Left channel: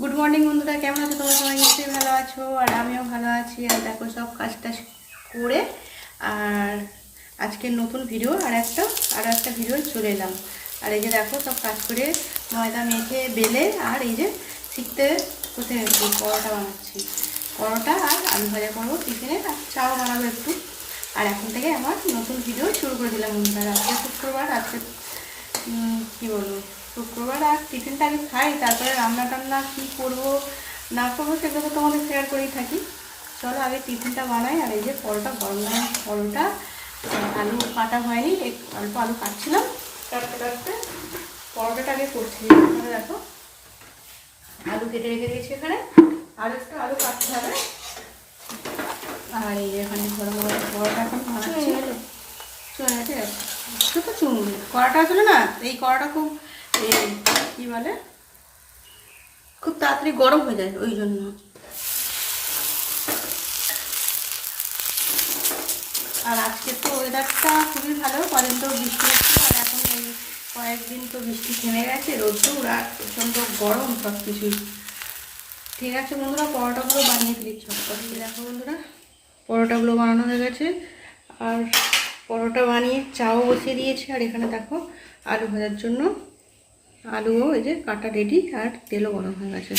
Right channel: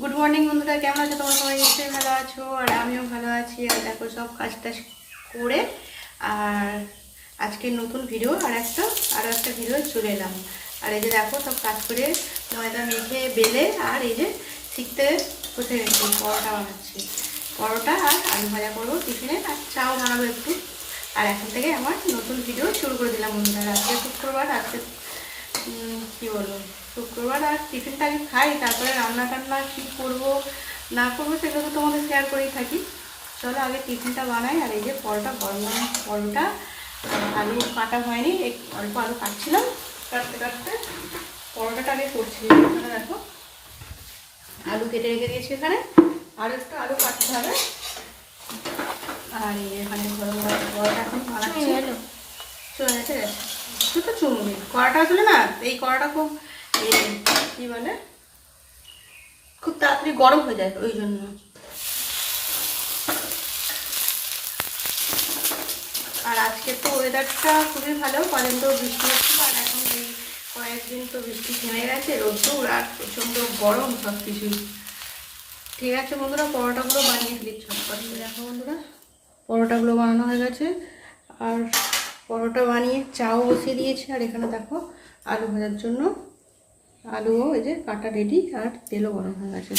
Good morning বন্ধুরা, কেমন আছো তোমরা? সবাই নিশ্চয়ই ভালো আছো, আর আমিও ভালো আছি। আর দেখো সব কাজটা করে আর আজকের নতুন ভিডিও আরও একটা ভিডিও চলে এলাম। আর এই যে দেখো সব কাজ করে ময়দা মেখে বেলে আর এই যে শিখতে বসে গেছি। পরোটা বানাচ্ছি, পরোটা আর আলু ভাজা করবো টিফিনে, আর চাও বানাবো একটু। আর এখন থেকে আমার নতুন ভিডিও শুরু করে দিলাম বন্ধুরা। আজকে শুক্রবার, আজকে কী বলবো, শুক্রবার আর টিফিনটা আমি খাই, তারপরে রান্না টান্না কী করবো না করবো সেগুলো তো তোমাদের শেয়ার করেই থাকি। চলো আগে টিফিনটা বানাই। আর এই যে পরোটা, গরম গরম পরোটা, আলু কাটা হয়নি, অল্প আলু কাটছিলাম, কাটতে কাটতে পরোটাটা আগে করছি। এখানে দেখো আলু কেটে রেখে দিয়েছি, এখানে আরও একটু আলু কাটতে হবে। আর এই যে এখানে পরোটা এখন বানাচ্ছি। চলে গেছে, একটু তো চুন কড়াটা আসলে না, এই কড়াটা খুব কী বলে, খুব তাড়াতাড়ি গরম হয়ে যায়, ওই জন্য। আর আজকে তো ওয়েদারটা খুবই ভালো, কদিন তো বৃষ্টি হচ্ছে, আর এখন এই কয়েকদিন তো বৃষ্টি থেমে গেছে, রোদ্দুর আর প্রচণ্ড গরম সব কিছুই। ঠিক আছে বন্ধুরা, পরোটাগুলো বানিয়ে ফেলি ঝটপট। দেখো বন্ধুরা, পরোটাগুলো বানানো হয়ে গেছে, আর পরোটা বানিয়ে চাও বসিয়ে দিয়েছি। আর এখানে দেখো আলু ভাজার জন্য আলুও এই যে কাটা রেডি, আর তেলও গরম হয়ে গেছে।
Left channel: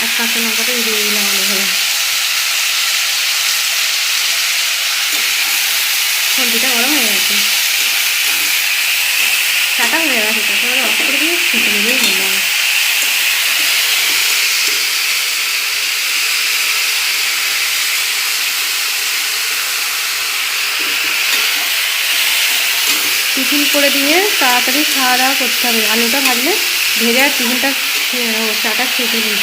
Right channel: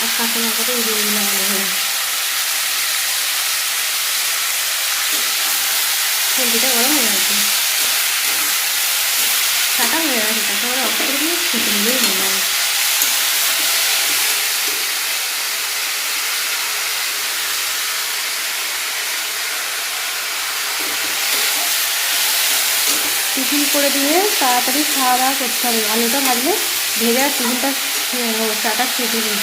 আর কাঁচা লঙ্কাটা দিয়ে দিলাম আলু হয়ে, সবজিটা গরম হয়ে গেছে, চাটা হয়ে গেছে, চাটা ওরা অফ করে দিয়ে খেতে নিলেই হয়ে যাবে। টিফিন করে দিয়ে তাড়াতাড়ি খাওয়া দাওয়া করতে হবে। আলুটা ভাজলে ভেজে আর টিফিনটা খেয়ে নেবো, চাটা খেতে নিই।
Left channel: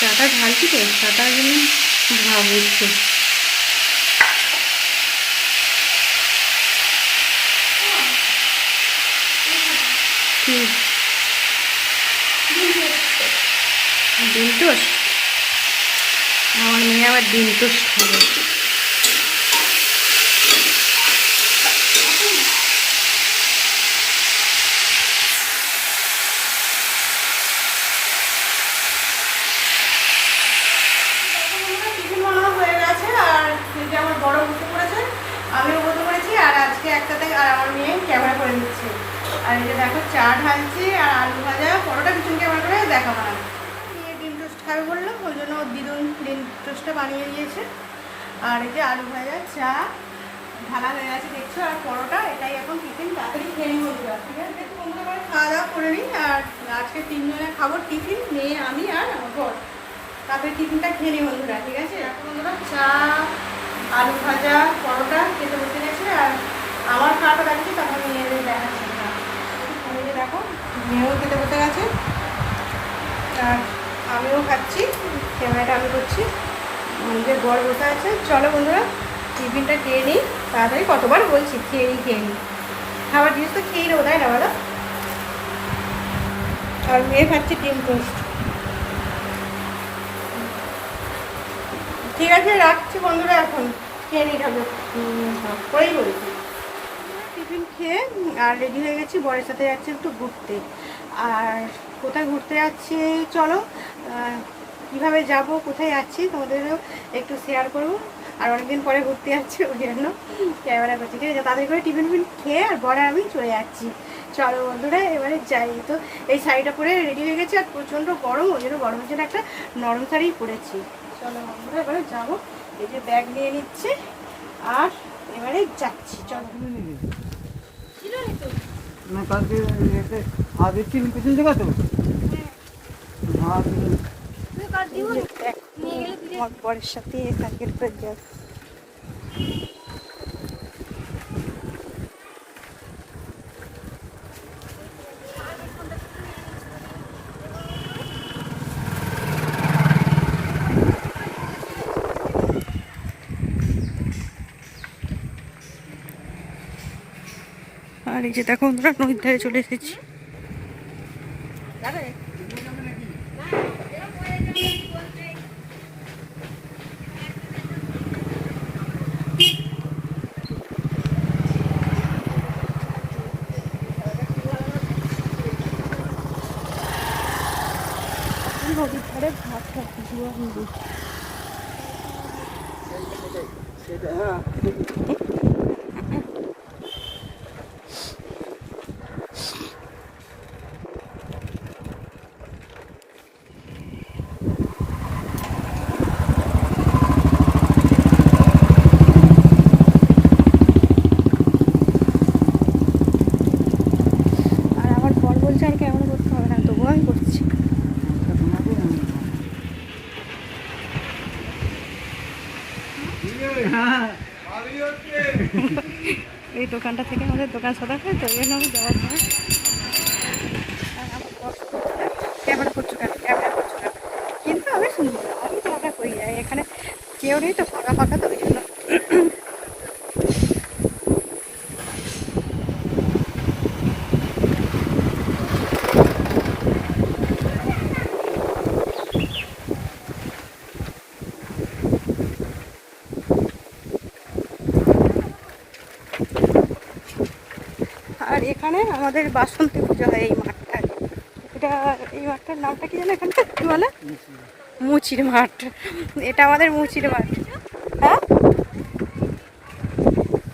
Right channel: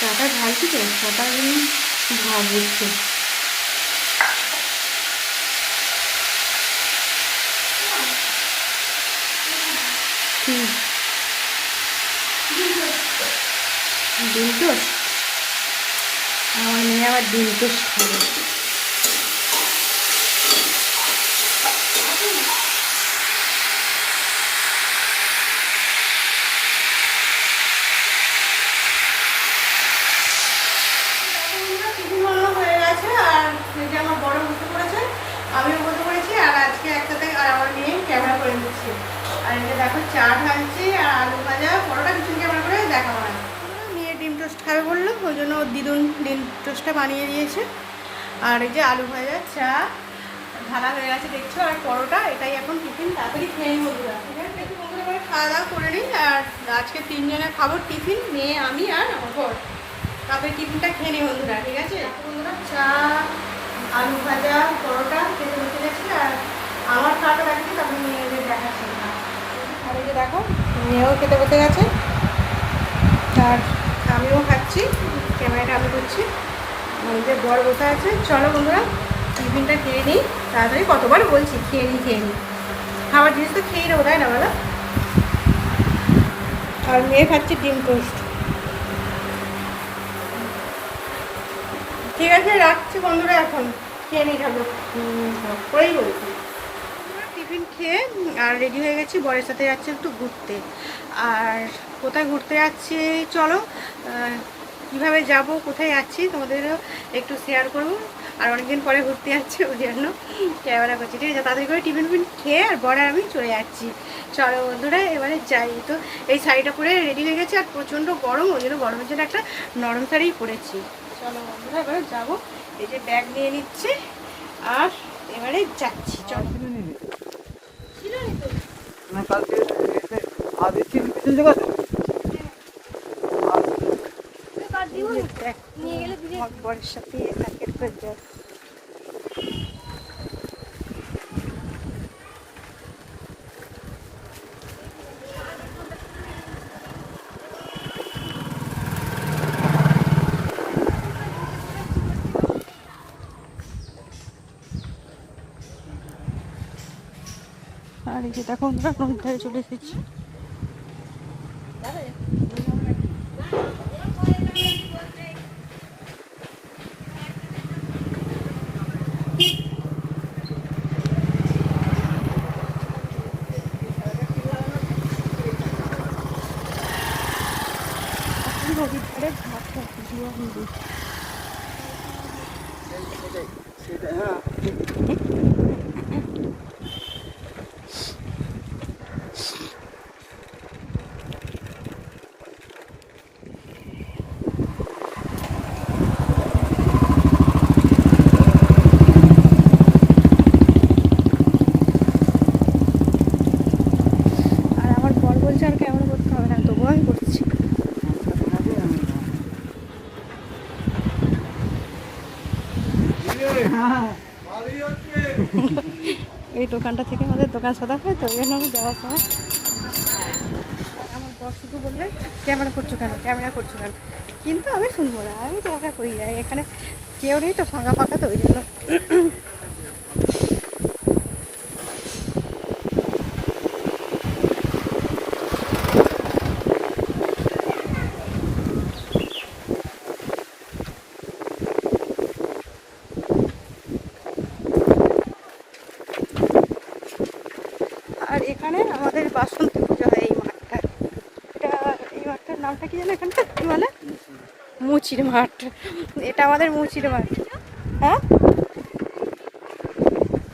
চাটা ঢালছি তো, চাটা একদম ভাব হচ্ছে। ডিম টোস্ট, আমার মেয়ে আবার ডিম টোস্ট খাবে। টিফিন বানানো হয়ে গেছে, আর যে আমার বড় বসে পড়েছে, আমিও বসে পড়েছি। আর আজকে একসাথে আর আমার মেয়ে ক্যামেরা করে নিচ্ছি। আর এই যে দেখো চা ঢালছি, আর আলু ভাজা পরোটা পিছন ক্যামেরা করে দেখানো হয়। মেয়ে ডিম টোস্ট খাবে বললো, ওই জন্য দিদুন ডিম টোস্টটা বানিয়ে দিয়েছে। আর এই যে আলু ভাজা, চা ঢালা হয়ে গেছে দেখছো, আর পরোটা, এটাই এখন টিফিন। তাড়াতাড়ি খেয়ে নিয়ে দিলাম, ঠিক আছে? একটু বন্ধুরা করে খাওয়া দাওয়া করে নিই। আর আজকে 3 জনে খাবো টিফিন, মেয়ে, আমি আর আমার বর। তারপরে টিফিনটা খেয়ে নিই বন্ধুরা, ঠিক আছে? এখন বন্ধুরা চা, আলু ভাজা, পরোটা খেতে বসে গেছে। আর আমার খাওয়াটা দেখছি, তারপরে মেয়েদের দেখাচ্ছি না। দেখো মেয়েও খেতে বসে গেছে, আর আমিও খাচ্ছি, ক্যামেরাটা আমি করছি, আমাদের বর বসে আছে। চলো বন্ধুরা টিফিনটা খেয়ে নিই তাড়াতাড়ি। কতবার বলছি খেয়ে নিই, খাবার জিনিস তো খেয়েই নেবো, তাই না বলো? আর মেয়ে খাচ্ছি ডিম টোস্ট। ঠিক আছে, রাখছি বন্ধুরা, এখন খেয়ে নিই ঠাকুর করেই বলছি। টিফিন খেয়ে আর রেডি হয়ে গেছি, বরের সাথে যাচ্ছি একটু ঘুরতে। আর কোথায় ঘুরতে যাচ্ছি চলো, কীভাবে যাব, কোথায় যাচ্ছি তোমাদেরও একটু শেয়ার করবো। আর অনেকদিন পরে ঘুরতে যাচ্ছি, ওই জন্য ক্যামেরা করছি, ঠিক আছে? তাড়াতাড়ি করে টিফিন খেয়ে আর বরে আমি চলে যাচ্ছি। চলো বন্ধুরা এবারে যাই। তো এই শাড়িটা পরে রেডি হয়ে গেছি, আর প্রচণ্ড গরম, ওই জন্য গরমের জন্য একটা নরম শাড়িই পরেছি। চলো বন্ধুরা এবারে যাবো, এই যে ব্যাগ নিয়ে নিচ্ছে, আর এবারে যাচ্ছি। চলো বরের সাথে আর আর এই যে দেখো আমরা নদীর ধারে চলে এসেছি। নদীর ধারে ভাত খাচ্ছি। আর আমার বর বলছে আর ক্যামেরা করতে হবে না, তবুও আমি করছি। এই দোকানটা থেকে আমাদের দোকান সদা খায়, তো এই জন্য আমি যাওয়ার সময় ক্যামেরা করছো কেন, ক্যামেরা করছো কেন, কিন্তু আমি শুনবো না, আমি ক্যামেরা করি যাই, এখানে কেউ নেই তো, ফাঁকা ফাঁকা, তো ওই জন্য। আর এখানে আমাদের বাসন্তী পুজো হয় এই মাঠটায়। এটা এই মাঠটার নামটা কি জানো এখানটা কি বলে? মুচির মাঠ। এটা আমাদের মুচির মাঠ। হ্যাঁ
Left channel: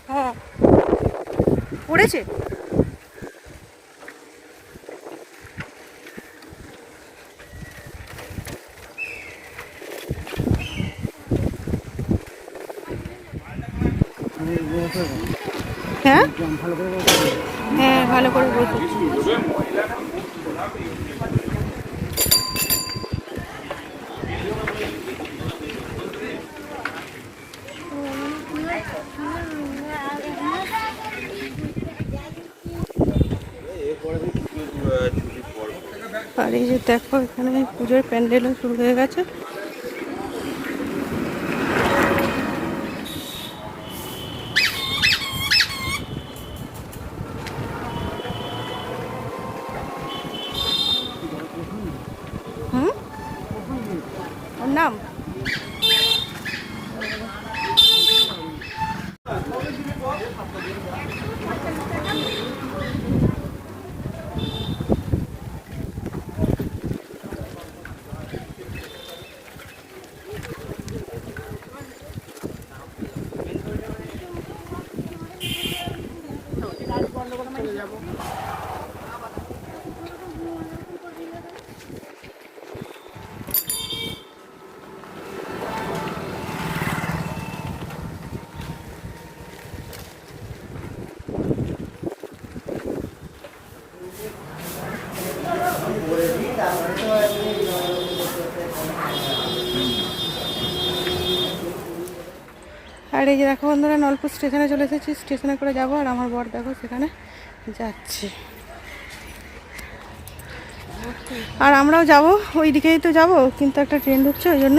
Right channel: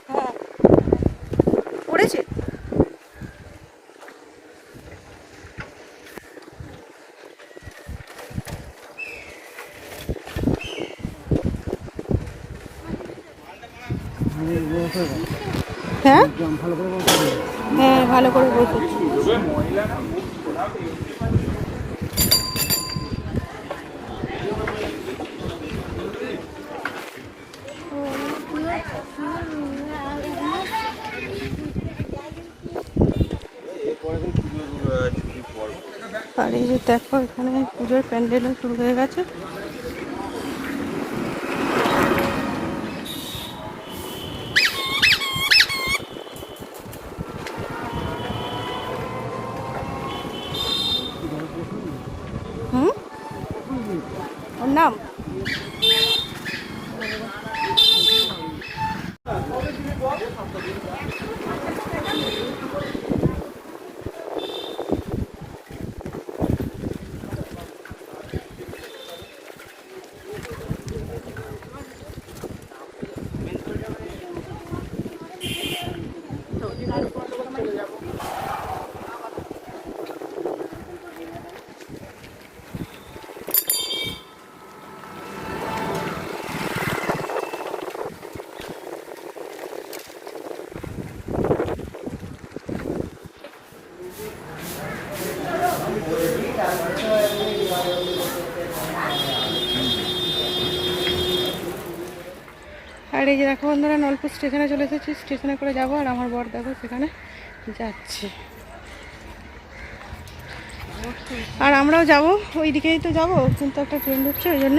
হ্যাঁ পড়েছে। হ্যাঁ হ্যাঁ ভালো করে বসে। আর এই যে দেখো এখানে পুজোর প্যান্ডেলও শুরু হয়ে গেছে। ওর নাম আর এই যে দেখো বন্ধুরা নলপুর স্টেশনে চলে এসেছি, স্টেশনে করে যাবো। আর আমার বর দেখো সেখানে যাচ্ছে, আর আমরাও যাব ওই দিকেই তো যাব, কিন্তু একটা ট্রেন ঢুকছে, ওই জন্য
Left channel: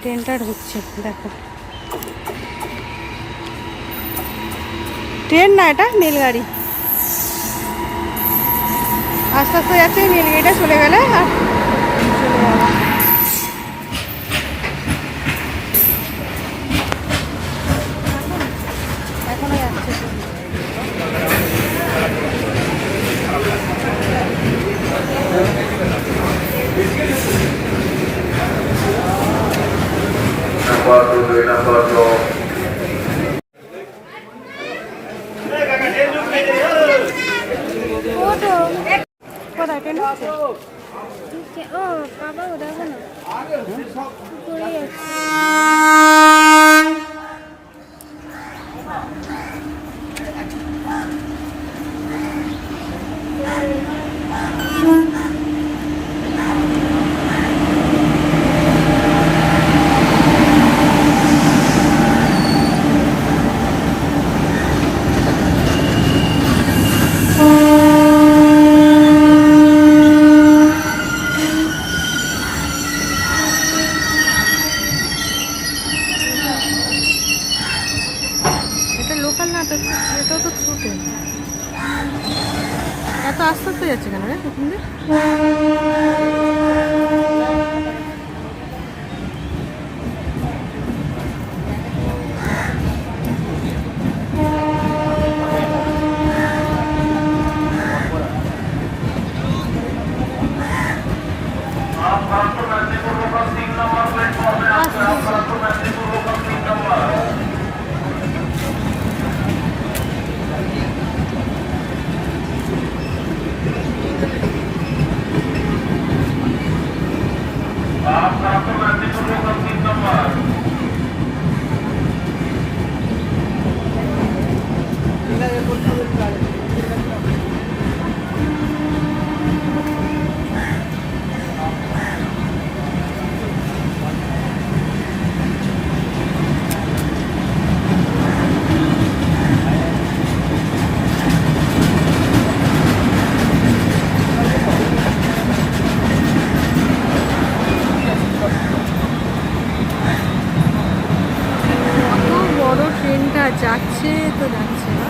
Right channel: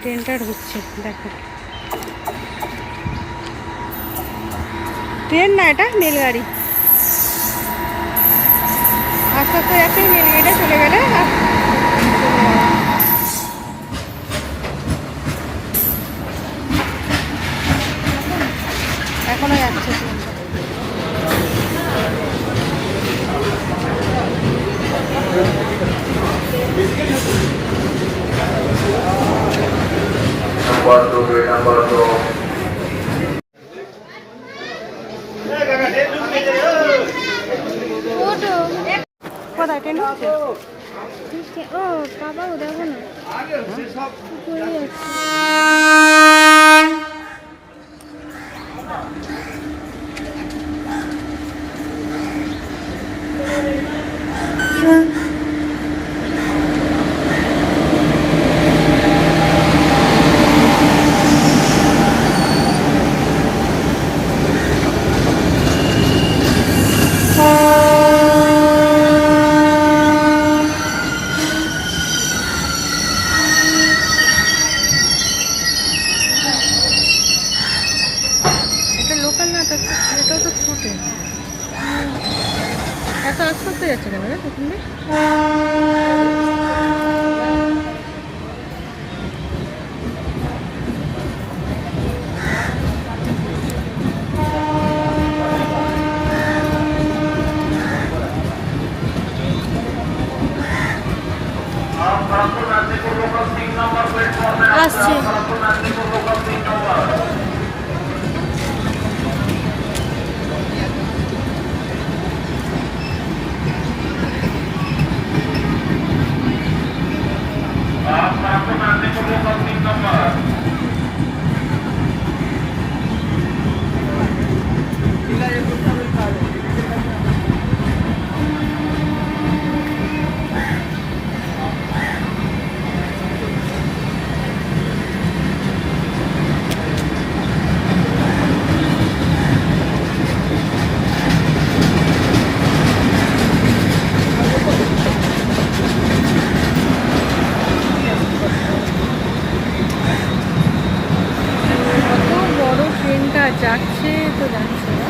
ট্রেনটা ঢুকছে। দেখো ট্রেন না, এটা রেলগাড়ি। আস্তে আস্তে যাচ্ছে, রেলগাড়িটা চলে গেলে আর চলে যাওয়া। এখনো যাচ্ছে কোথায় ট্রেন হচ্ছে? ও বাবা দেখো না এত আস্তে আস্তে যাচ্ছে কেন রে এখান দিয়ে? যাচ্ছে তো যাচ্ছে না।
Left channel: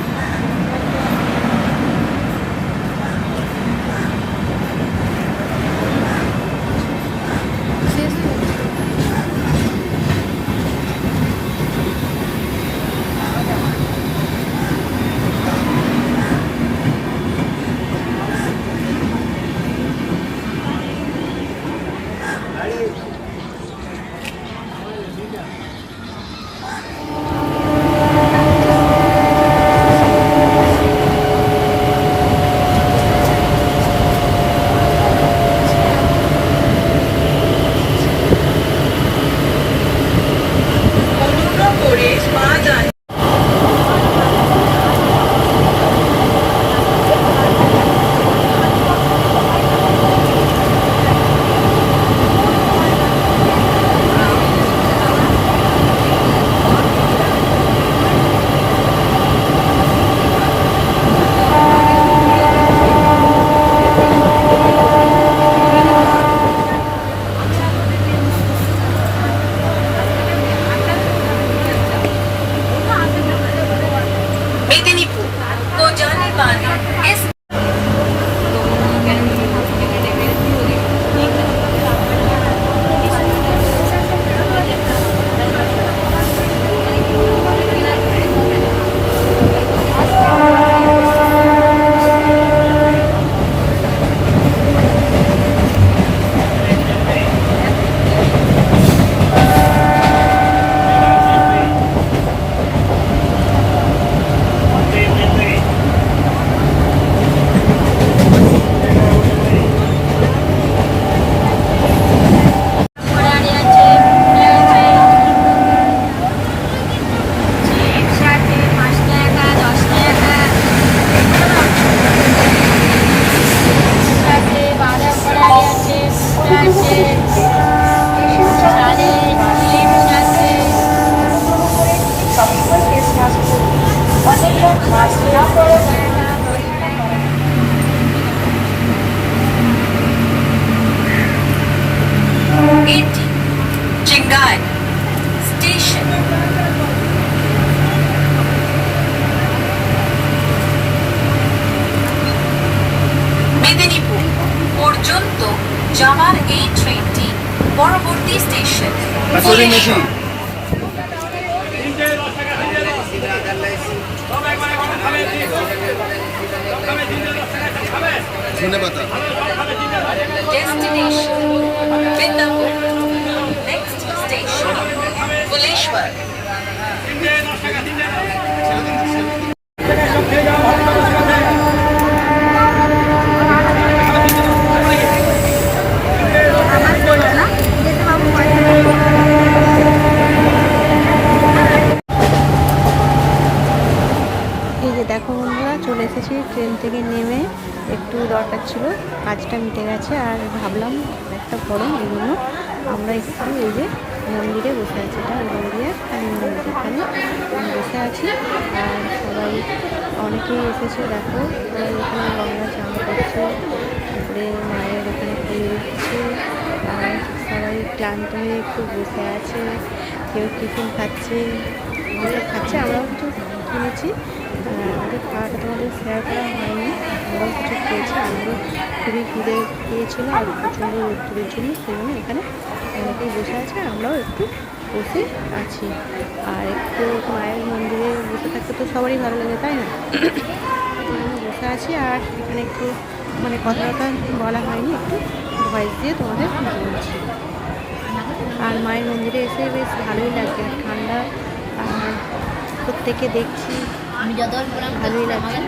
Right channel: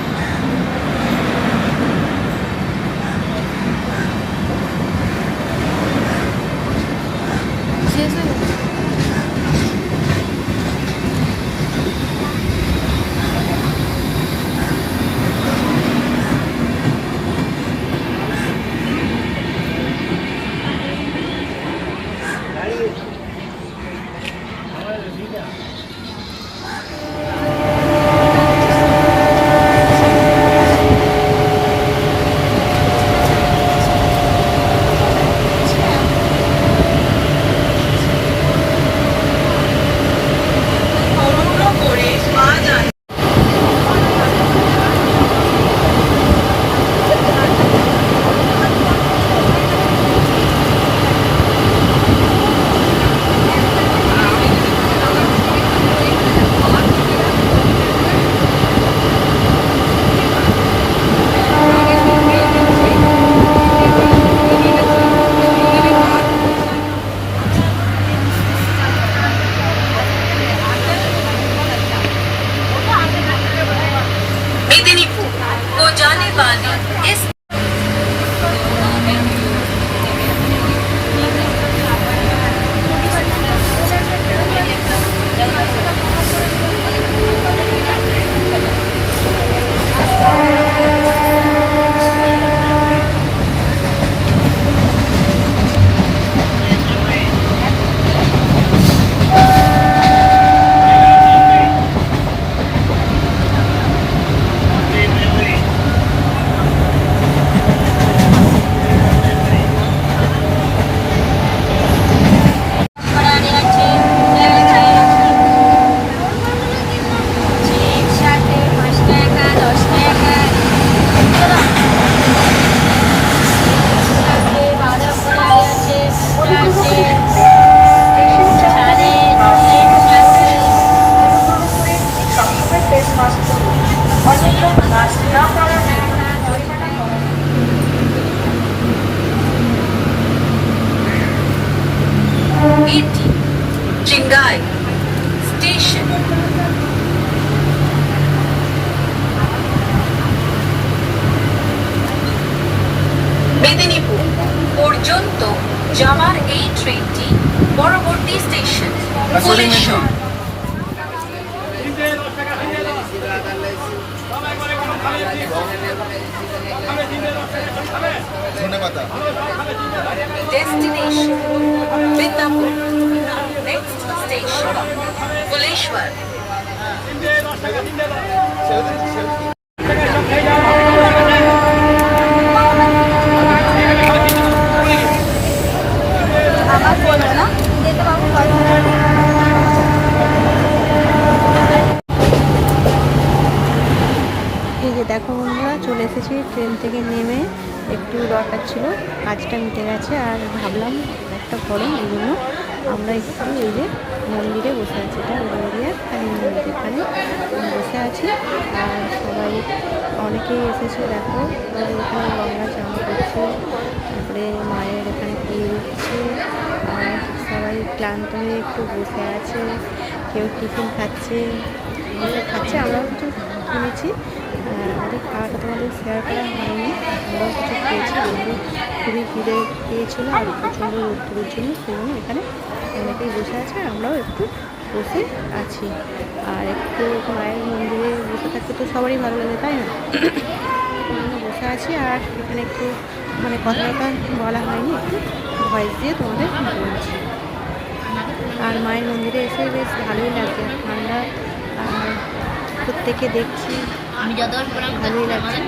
Chingai Station. মেদিনীপুর পর্যন্ত যাওয়ার এই ট্রেনটি পরবর্তী station Phuleswar. Destination Midnapur. Next station Fuleshwar. এই যে দেখো বন্ধুরা, চলে এসেছি ট্রেন থেকে নেমে। একটু দরকার ছিল, কাজটা মিটে গেছে। আর ভাবলাম একটা গরম, এই জন্য আমরা একটু এই যে মন্দিরে বসে আছি। এটা উলুবেড়িয়ার কালী মন্দির, এখানে বসে আছি। আর সবাই অনেকেই এসেছে, দেখো সবাই এখানে গঙ্গা চান করছে, তারপরে মায়ের এখানে পুজো দিচ্ছে। আর সবাই ক্লান্ত হয়ে একটু বসে আছে, কেউ টিফিন খাচ্ছে, এসব খাচ্ছে। আমরাও কিছু কিনেছি। আমাদের খাওয়াটা তোমাদের শেয়ার করা হয়নি, আমরাও কিছু খেয়েছি। খুবই খিদে পেয়েছিল আর প্রচণ্ড রোদ্দুরের জন্য, সেই জন্য এখানে অনেকেই বসে আছে আর আমরাও একটু বসে আছি। আর একটু মায়ের মন্দিরে বসে থাকতে তো সবারই ভালো লাগে, তাই না? বসে আছি আর এখানে একটু মানে কথাটা বলা হয়নি, একটু ভয়েস দিয়ে তোমাদের বলছি। আর মায়ের মন্দিরে এসে বেশ ভালোই লাগছে, আর ঠান্ডা, আর প্রত্যেকে দেখছি ভালোই লাগছে।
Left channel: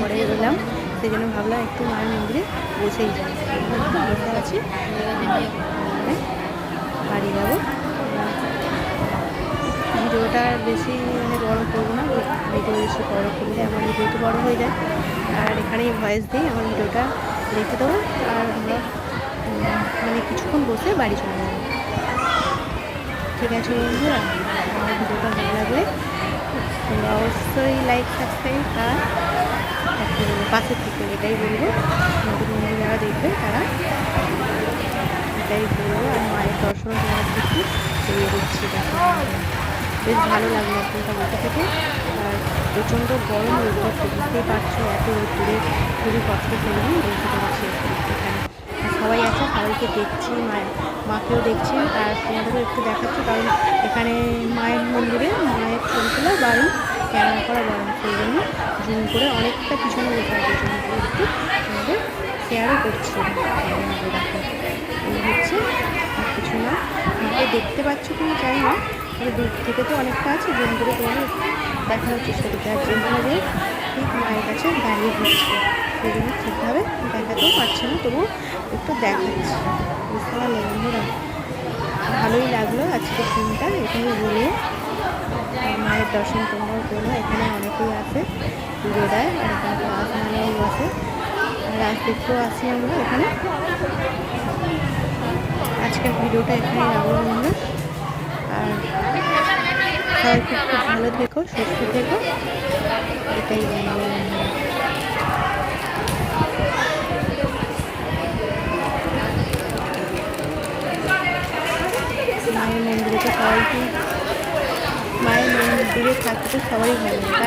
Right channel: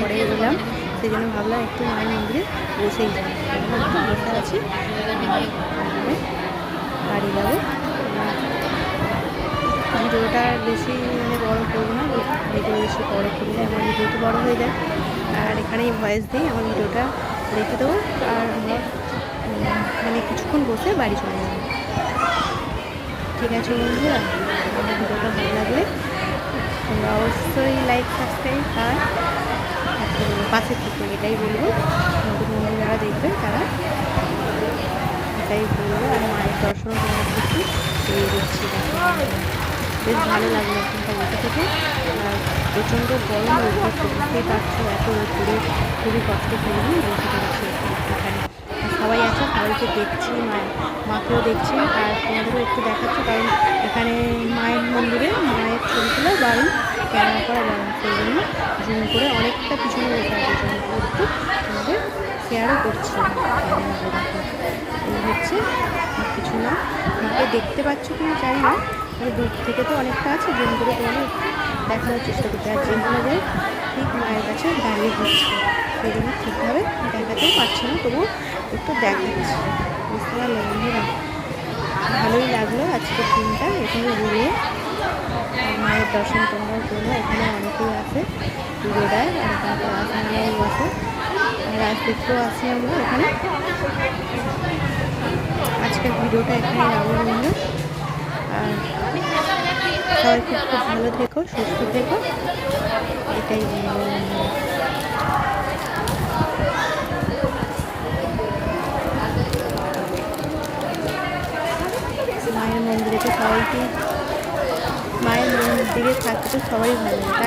পরে এলাম, সেই জন্য ভাবলাম একটু মায়ের মন্দিরে বসেই যাই, একটু বসে আছি। বাড়ি যাবো। ভিডিওটা বেশি মানে বড় করবো না, ভিডিও বেশি বড় করলে আমার ভিডিও তো বড় হয়ে যায়। আর এখানেই ভয়েস দিই, আমার ভিডিওটা রেখে দেবো আর আমরা মানে কিছুক্ষণ বসে বাড়ি চলে যাবো। ঠিক আছে বন্ধুরা, আমার ভিডিওটা ভালো লাগলে তোমরা অবশ্যই লাইক সাবস্ক্রাইব আর পাশে থেকে, এটাই বলবো। নতুন বন্ধু যারা দেখবে তারা এটাই বলবো। আর মায়ের দর্শন তোমার একটু দিয়ে দিচ্ছি, বেশ ভালো লাগলো এখানটা বসে থেকে। আর প্রচণ্ড গরম রোদ্দুর, তো বুঝতেই পারছো এত রোদ্দুরে খুবই কষ্ট পেয়ে বসে পড়েছি এখানে। আর সবাই আছে, সবাইকে দেখছি, মাকেও দেখছি আর তোমাদেরও একটু দেখাচ্ছি, কারণ এখানে মায়ের মন্দিরে মায়ের ছবি তোলা বারণ, ক্যামেরা করা বারণ, সেই জন্য জুম করে অনেকটা পিছনে বসে আছে, জুম করে একটু তোমাদের শেয়ারও করছি। দেখো এই হচ্ছে, আর কিছু না। মাকে দেখতে পাচ্ছ কি জানি না, মানে দূর থেকে তো অনেকটা আছে, জুম করে তোমাদের একটু দেখানোর চেষ্টা করছি। আর যেখানে যে ঠিক মায়ের কাছে দাঁড়িয়ে পড়ছে, সেই জন্য ঠিকভাবে দেখাতেও পারছে না, তবুও একটু দেখাচ্ছি। বুঝতে পারলে বন্ধুরা? ভালোই লাগলো আজকের দিনটা এখানে ঘুরিয়ে। মায়ের দর্শন তোমরাও করো, এখানে অনেকেই আসে, পুজো দেয়, আর এখানে তো রাসমেলাও আসে, আর রাস দেখতেও আসি আমরা এখানে। আজকের ভিডিওটা এখানেই রাখবো বন্ধুরা। আর সবাই খুব খুব ভালো থেকো, সুস্থ থেকো, এটাই বলবো বন্ধুরা। মায়ের মন্দিরে তো সবাইকে, মায়ের মন্দিরে থাকতে তো সবাই ভালো লাগে, তাই